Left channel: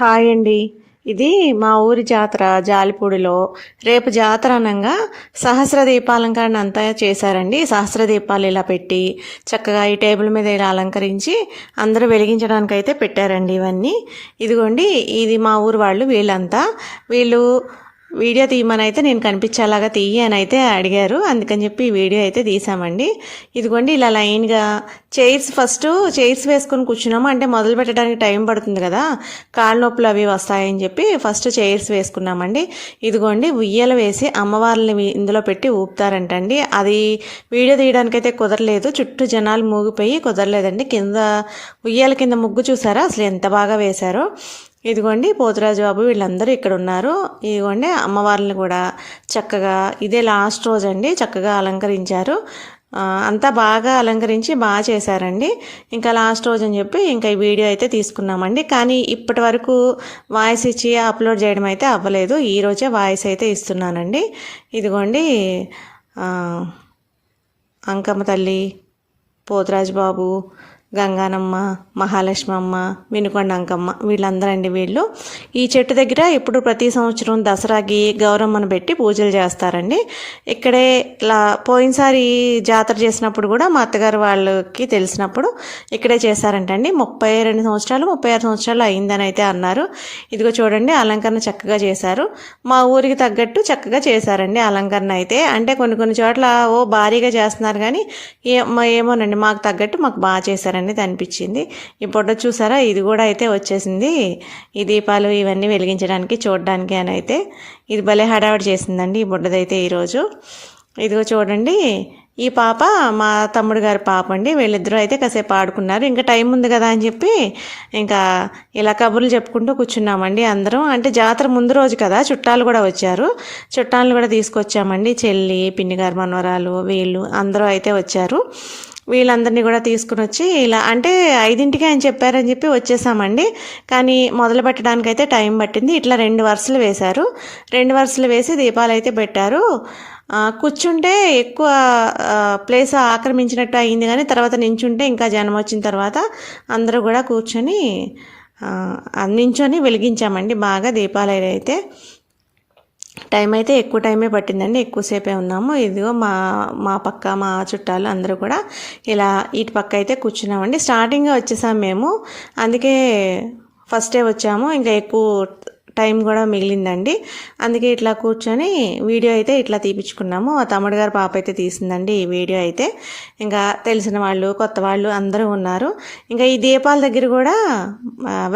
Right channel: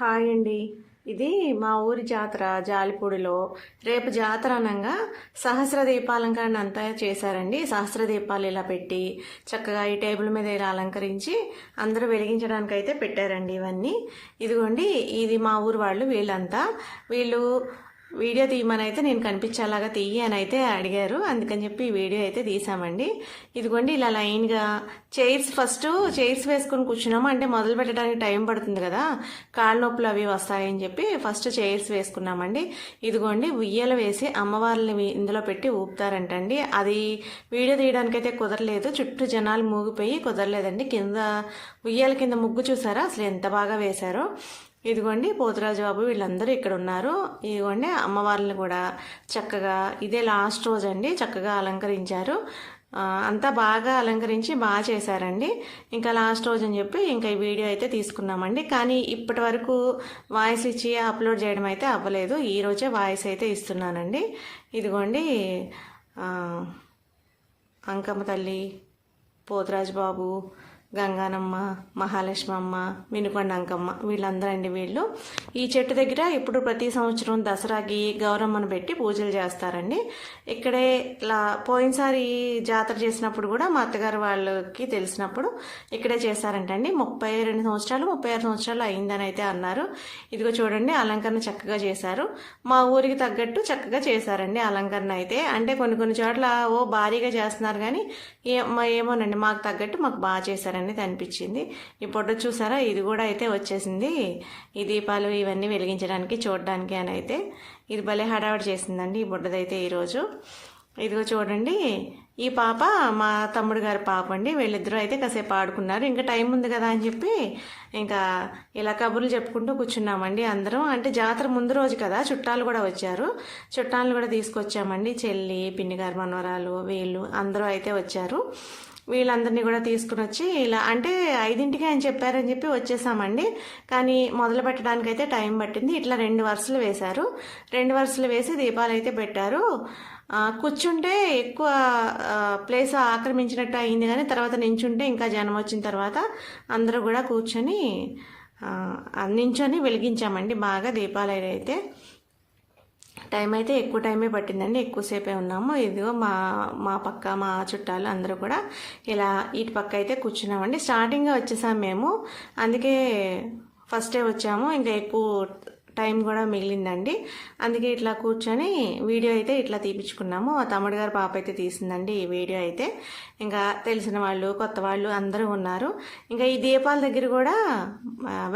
Hi అండి. ఇది మా ఊరి జాతర జాలిపూడిలో. రేపు జాతర అనగా సహస్ర దీపాలంకరణ అంతా చేశారండి. సహస్ర దీపాలు ఇలా పెట్టి చక్కగా ఈ టేబుల్ మీద ఇలా అలంకరించి అందరూ వెలిగించడానికి అయితే పెట్టారండి ఇవన్నీ. ఇదిగోండి ఇది మా ఊరు వాళ్ళు వీళ్ళంతా. వీళ్ళు వీడియో తీయమని అయితే నేను కనిపించేలాగా తీయి అని అయితే అడిగారు. అందుకని చెప్పి ఈ వీడియో అయితే తీసామండి ఇదిగోండి ఇలా లైన్గా చైర్స్ ఫస్ట్ చైర్స్ వేసుకొని కూర్చున్నాము. అంటే మొదలు పెట్టడానికి టైం పడుతుంది కదా కాళ్ళ నొప్పులు అవి వస్తాయని చెప్పి ఫస్ట్ చైర్స్ వేసుకున్నామండి. ఇదిగోండి ఉయ్యాల వేసి అమ్మవారిని ఇందులో పెట్టి ఊపుతారంటండి. అది వీడియో తీయడానికైతే కుదరలేదు. చుట్టూ జనాలు మూగిపోయి కుదరలేదండి. కింద ఉయ్యాల కింద ముగ్గు చూసారా? అసలు ఎంత బాగా వేశారో. ఇదిగోండి పోతురాజు బాబు వీళ్ళందరూ ఇక్కడ ఉన్నారు. ఇదిగోండి అమ్మవారిని కూడా చక్కగా ఇదే లాస్ట్ రోజు అండి చక్కగా అలంకరించారు. అంతా బాగా అలంకరించి బాగా చేశారండి. ఇంకా లాస్ట్ రోజు అని చెప్పి ఇంకా ఈ వీడియో అయితే తీసుకున్నామండి. కానీ ఇప్పటి వరకు వాయిస్ ఇచ్చి అప్లోడ్ చేయడం అయితే అవ్వలేదు. ఈరోజే వాయిస్ అయితే ఇస్తున్నానండి. ఇదిగోండి అంకమ్మ తల్లి పోతురాజు బాబు గంగానమ్మ మహాలక్ష్మమ్మ వినుకొండంకమ్మ వీళ్ళందరండి వీళ్ళు. ఈ చెట్టు దగ్గర ఇప్పుడు ప్రతి సంవత్సరం దసరాకి గౌరమ్మను పెట్టి పూజలు చేస్తారండి. ఇక్కడే ఇలా పోయినసారి జాతర చేసినప్పుడు కూడా మా అత్తగారు వాళ్ళకి తెలిసినప్పుడు ఇక్కడే చేశారంటండి. ముప్పై రెండు సంవత్సరాలు ముప్పై ఆరు సంవత్సరాలు అయిందని అయితే అన్నారు. ఇదిగో చూడండి అలంకరణ చక్కగా చేశారు. మా ఊరికి తగ్గట్టు చక్కగా చేశారండి అలంకరణ అయితే. అంటే కొన్ని కొన్ని చోట్ల ఓ భారీగా చేస్తున్నారు కానీ ఏ మా- ఏమోనండి మాకు తగ్గట్టు మాకు బాగా అనేది అనిపించింది. ఈ బుడ్డ చూసారా? ఇది కూడా అయితే వచ్చేసింది. ఈ దీపాలు ఇవన్నీ వెలిగించడానికి చూడడానికి అని అయితే. ఇది భలే హడావిడి చేసిందండి ఈ బుడ్డదైతే ఈరోజు. ఇదిగో చూడండి. ఈ పాప మా తమ్ముడు గారి పాప అండి వీళ్ళిద్దరూ అయితే కాసేపు ఆడుకున్నారు. ఇంకా టైం ఉంది కదా అని చెప్పి ఇంకా ఇలా కబుర్లు చెప్పుకుంటూ కూర్చున్నామండి అందరం. అంటే జాతర ముందు రోజు కదా చుట్టాలు కూడా వచ్చారు. చుట్టాలను కూడా తీసుకొచ్చామండి. చెల్లి పిన్ని గారు మనవరాలు వీళ్ళు అందరూ అయితే వచ్చారు. వీళ్ళందరినీ కూడా తీసుకుని వచ్చి ఇలా అంటే ఐదింటికి ఆయన చెప్పారని చెప్పి వచ్చేసామండి. కానీ మొదలు పెట్టడానికి అయితే టైం పట్టింది. ఇట్లా రెండు వరుసలు వేశారు. రెండు వరుసలు వేసి దీపాలు అయితే పెట్టారు. కూర్చుంటే ఎక్కువ ప్లేస్ ఆక్రమించినట్టు అయింది కానీ తర్వాత నించుంటే ఇంకా జనం వచ్చిన తర్వాత అందరూ కూడా కూర్చొని నించొని వెలిగించామండి. బాగా దీపాలు అయితే టైం అయితే ఎక్కువ టైమే పట్టిందండి. ఎక్కువసేపే ఉన్నాము. ఇదిగో మా మా పక్క మా చుట్టాలు అందరూ కూడా ఇలా ఇటు పక్క అయితే కూర్చున్నామండి. స్టార్టింగ్గా వచ్చేసాం మేము. అందుకే ఫస్టే వచ్చాము. ఇంకా ఎక్కువ టైం కూడా మిగిలిందండి. అందుకే ఇట్లా కూర్చొని వీడియో అయితే ఇట్లా తీపించుకున్నాము మా తమ్ముడు గారు పాప అయితే తీసిందండి ఈ వీడియో అయితే. ఇంకా తెలిసిన వాళ్ళు కొత్త వాళ్ళు అందరూ ఉన్నారు. ఇంకా ఈ దీపాల దగ్గర కూడా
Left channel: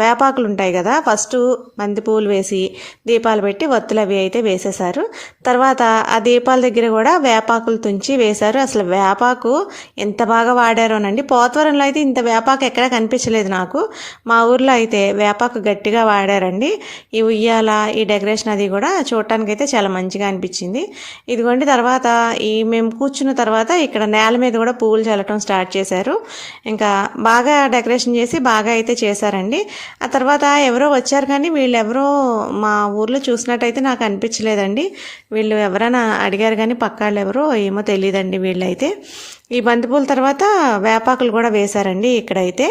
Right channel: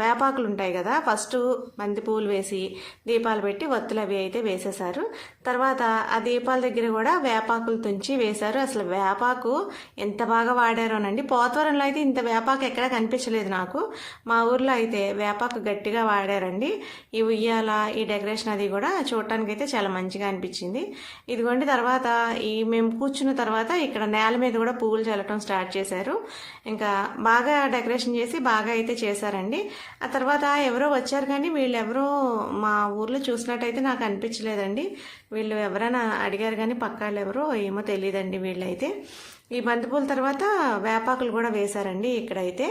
వేపాకులు ఉంటాయి కదా. ఫస్ట్ మంది పూలు వేసి దీపాలు పెట్టి వత్తులు అవి అయితే వేసేశారు. తర్వాత ఆ దీపాల దగ్గర కూడా వేపాకులు తుంచి వేశారు. అసలు వేపాకు ఎంత బాగా వాడారోనండి. పోతవరంలో అయితే ఇంత వేపాకు ఎక్కడా కనిపించలేదు నాకు. మా ఊర్లో అయితే వేపాకు గట్టిగా వాడారండి. ఇవి ఉయ్యాల ఈ డెకరేషన్ అది కూడా చూడటానికి అయితే చాలా మంచిగా అనిపించింది. ఇదిగోండి తర్వాత ఈ మేము కూర్చున్న తర్వాత ఇక్కడ నేల మీద కూడా పువ్వులు చల్లటం స్టార్ట్ చేశారు. ఇంకా బాగా డెకరేషన్ చేసి బాగా అయితే చేశారండి. ఆ తర్వాత ఎవరో వచ్చారు కానీ వీళ్ళు ఎవరో మా ఊర్లో చూసినట్టయితే నాకు అనిపించలేదండి. వీళ్ళు ఎవరైనా అడిగారు కానీ పక్కాళ్ళు ఎవరో ఏమో తెలియదండి వీళ్ళైతే. ఈ బంతిపూల తర్వాత వేపాకులు కూడా వేశారండి ఇక్కడైతే.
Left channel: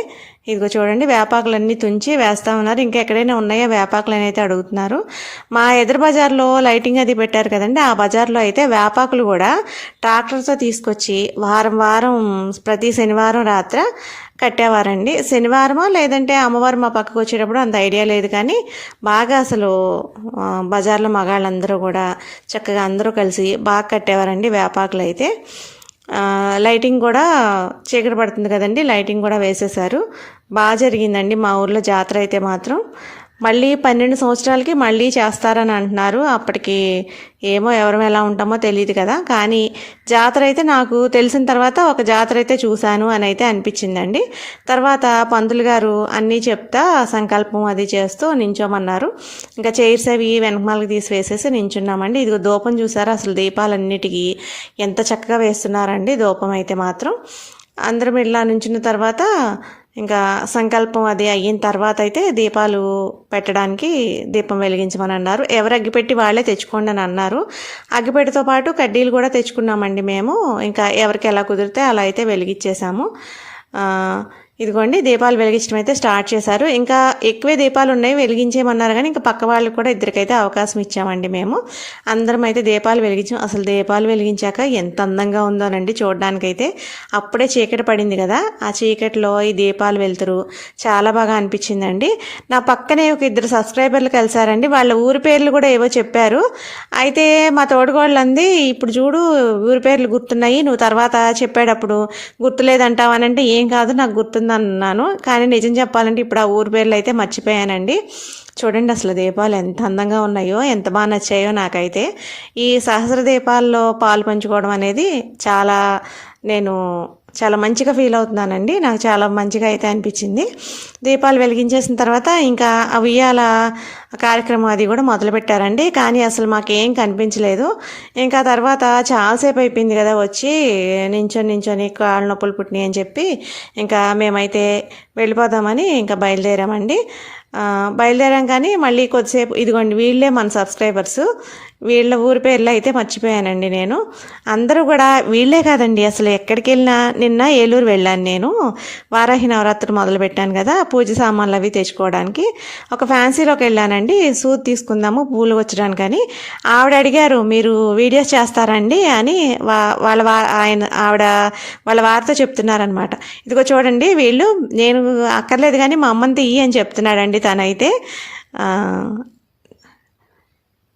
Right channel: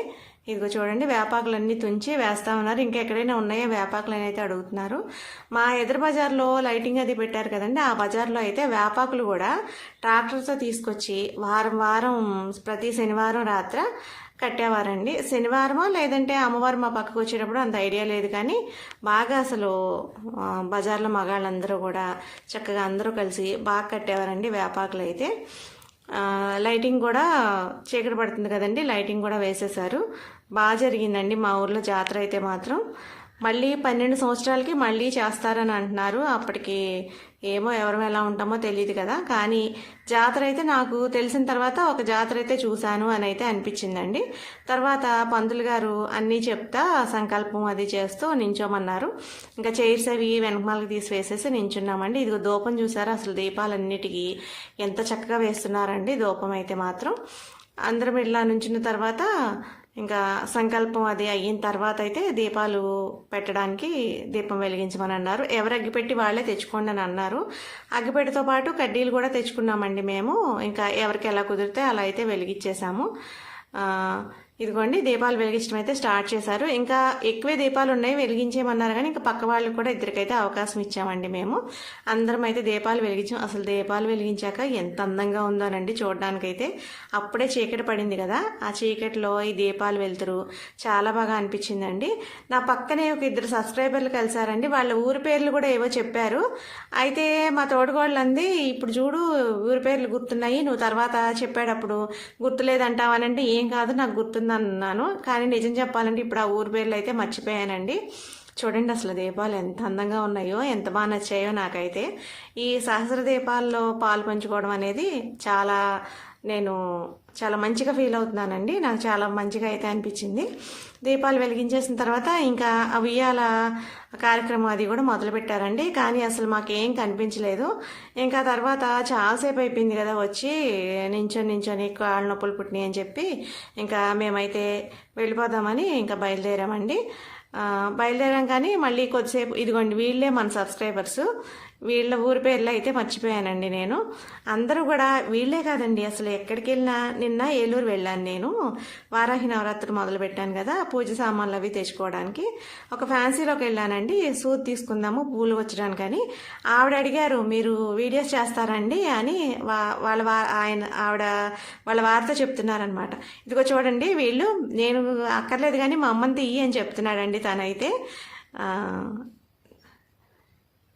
ఇదిగో చూడండి వేపాకులన్నీ తుంచి వేస్తా ఉన్నారు ఇంకా ఎక్కడైనా ఉన్నాయో వేపాకులు అని అయితే అడుగుతున్నారు. మా ఎదురు బజార్లో లైటింగ్ అది పెట్టారు కదండి. ఆ బజార్లో అయితే వేపాకులు కూడా ట్రాక్టర్తో తీసుకొచ్చి వారం వారం ప్రతి శనివారం రాత్ర కట్టేవారండి. శనివారమో లేదంటే అమ్మవారు మా పక్కకు వచ్చేటప్పుడు అంత ఐడియా లేదు. కానీ బాగా అసలు బజార్లో మగాళ్ళందరూ కూడా చక్కగా అందరూ కలిసి బాగా కట్టేవారండి వేపాకులు అయితే. లైటింగ్ కూడా చీకటి పడుతుంది కదండి. లైటింగ్ కూడా వేసేశారు. బాగా జరిగిందండి. మా ఊర్లో జాతర అయితే మాత్రం మళ్ళీ పన్నెండు సంవత్సరాలకి మళ్ళీ చేస్తారని అంటున్నారు. అప్పటికి ఏమో ఎవరం ఎలా ఉంటామో తెలియదు కదా. కానీ జాతర అయితే నాకు తెలిసిన తర్వాత ఒక జాతర అయితే చూశాను అని అయితే అనిపించిందండి. తర్వాత పంతులు గారు అన్నీ చెప్తా సంకల్పం అది చేస్తూ నించోమన్నారు. ఇంకా చైర్స్ అవి వెనకమాలకి తీసి వేసేసి నించున్నామండి. ఇదిగో దూపం చూసారు? అసలు దీపాలన్నిటికీ ఎంత చక్కగా వేస్తున్నారండి దూపం అయితే మాత్రం. అందరం ఇలా నుంచిన తర్వాత ఇంకా సంకల్పం అది అయిన తర్వాత అయితే దీపాలు పెట్టడానికి దీపం వెలిగించమని అన్నారు. ఎవరు అగ్గిపెట్టి వాళ్ళే తెచ్చుకోండి అని అన్నారు. అగ్గిపెట్టితో పాటు కడ్డీలు కూడా తెచ్చుకున్నామండి మేము. ఇంకా ఎవరికి ఎలా కుదిరితే అలా అయితే వెలిగించేసాము ఇదిగోండి దీపాలు వెలిగించడం అయితే స్టార్ట్ చేశారు. ఇంకా ఎక్కువే దీపాలు ఉన్నాయి వెలిగించేయమన్నారు కానీ ఇంకా పక్క వాళ్ళకి కూడా ఇద్దరికైతే అవకాశం ఇచ్చామండి మేము. అందరం అయితే దీపాలు వెలిగించాం అసలు దీపాలు వెలిగించాక ఎంత అందంగా ఉందోనండి చూడడానికైతే. అప్పుడే చీకటి పడింది కదా ఆ చీకటిలో ఈ దీపాలు వెళ్తురు చాలా బాగా అనిపించిందండి. నా పక్కనే ఒక ఇద్దరు సబ్స్క్రైబర్లు కలిసారండి వాళ్ళ ఊరి పేర్లు కూడా ఏవో చెప్పారు. అయితే మా తోడుగోళ్ళంది ఇప్పుడు చూడు ఊరి పేర్లు గుర్తున్నాయి నువ్వు తర్వాత చెప్పేటప్పుడు గుర్తులేదంటావనంటే ఏం కాదు నాకు గుర్తు గుర్తుంది అన్నాను కానీ నిజం చెప్పాలంటే ఇప్పుడు ఆ ఊరి పేర్లు అయితే మర్చిపోయానండి. చూడండి అసలు దీపాలు ఎంత అందంగా ఉన్నాయో ఎంత బాగా నచ్చాయో నాకైతే. ఈ సహస్ర దీపాల్లో పాలు పంచుకోవడం అనేది చాలా నేను చాలా మంచిగా ఫీల్ అవుతున్నానండి. నాకు చాలా మంచిగా అయితే అనిపించింది. దీపాలు వెలిగించేసిన తర్వాత ఇంకా ఆ ఉయ్యాల కార్యక్రమం అది కూడా మొదలుపెట్టారండి. కానీ అసలు మాకేం కనిపించలేదు. ఇంకా తర్వాత చాలాసేపు అయిపోయింది కదా వచ్చి నించొని నించొని కాళ్ళ నొప్పులు పుట్టినాయి అని చెప్పి ఇంకా మేమైతే వెళ్ళిపోదామని ఇంకా బయలుదేరామండి. బయలుదేరాం కానీ మళ్ళీ కొద్దిసేపు ఇదిగోండి వీళ్ళే మన సబ్స్క్రైబర్స్. వీళ్ళ ఊరి పేర్లు అయితే మర్చిపోయానండి నేను. అందరూ కూడా వీళ్ళే కాదండి. అసలు ఎక్కడికి వెళ్ళినా నిన్న ఏలూరు వెళ్ళాను నేను. వారాహి నవరాత్రి మొదలు పెట్టాను కదా పూజ సామాన్లు అవి తెచ్చుకోవడానికి. ఒక ఫ్యాన్సీలోకి వెళ్ళానండి. సూత్ తీసుకుందాము పూలు వచ్చడానికి అని. ఆవిడ అడిగారు మీరు వీడియోస్ చేస్తారండి? అని వా వాళ్ళ వా ఆయన ఆవిడ వాళ్ళ వారితో చెప్తున్నారనమాట ఇదిగో చూడండి వీళ్ళు నేను అక్కర్లేదు కానీ మా అమ్మని తీయి అని చెప్తున్నాడండి తనైతే.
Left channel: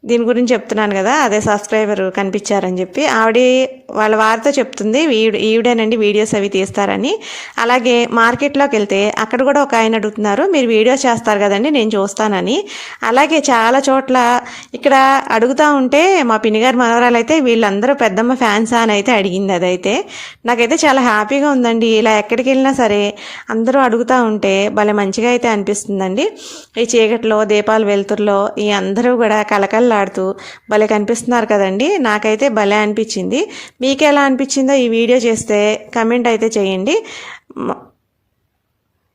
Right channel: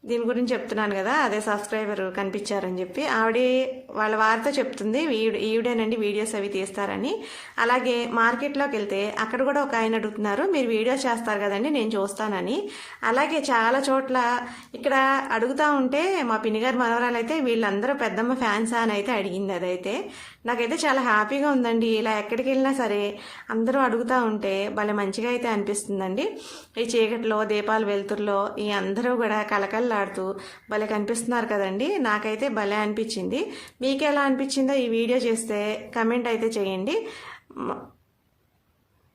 దీని గురించి చెప్తున్నాను కదా అదే సబ్స్క్రైబర్ కనిపించారని చెప్పి. ఆవిడ వాళ్ళ వారితో చెప్తుంది ఈవిడేనండి వీడియోస్ అవి తీస్తారని. అలాగే మార్కెట్లోకి వెళ్తే అక్కడ కూడా ఒక ఆయన అడుగుతున్నారు మీరు వీడియోస్ చేస్తారు కదండి నేను చూస్తానని. అలాగే చాలా చోట్ల ఇక్కడ అడుగుతూ ఉంటే మా పిన్నిగారి మనవరాలు అయితే వీళ్ళందరూ పెద్దమ్మ ఫ్యాన్సా అని అయితే అడిగింది అదైతే. నాకైతే చాలా హ్యాపీగా ఉందండి ఇలా ఎక్కడికి వెళ్ళినా సరే అందరూ అడుగుతూ ఉంటే భలే మంచిగా అయితే అనిపిస్తుందండి. ఈ చీకట్లో దీపాలు వెలుతురులో ఈ అందరూ కూడా కలకల్లాడుతూ భలే కనిపిస్తున్నారు కదండి నాకైతే భలే అనిపించింది. మీకు ఎలా అనిపించిందో ఈ వీడియో చేస్తే కమెంట్ అయితే చేయండి.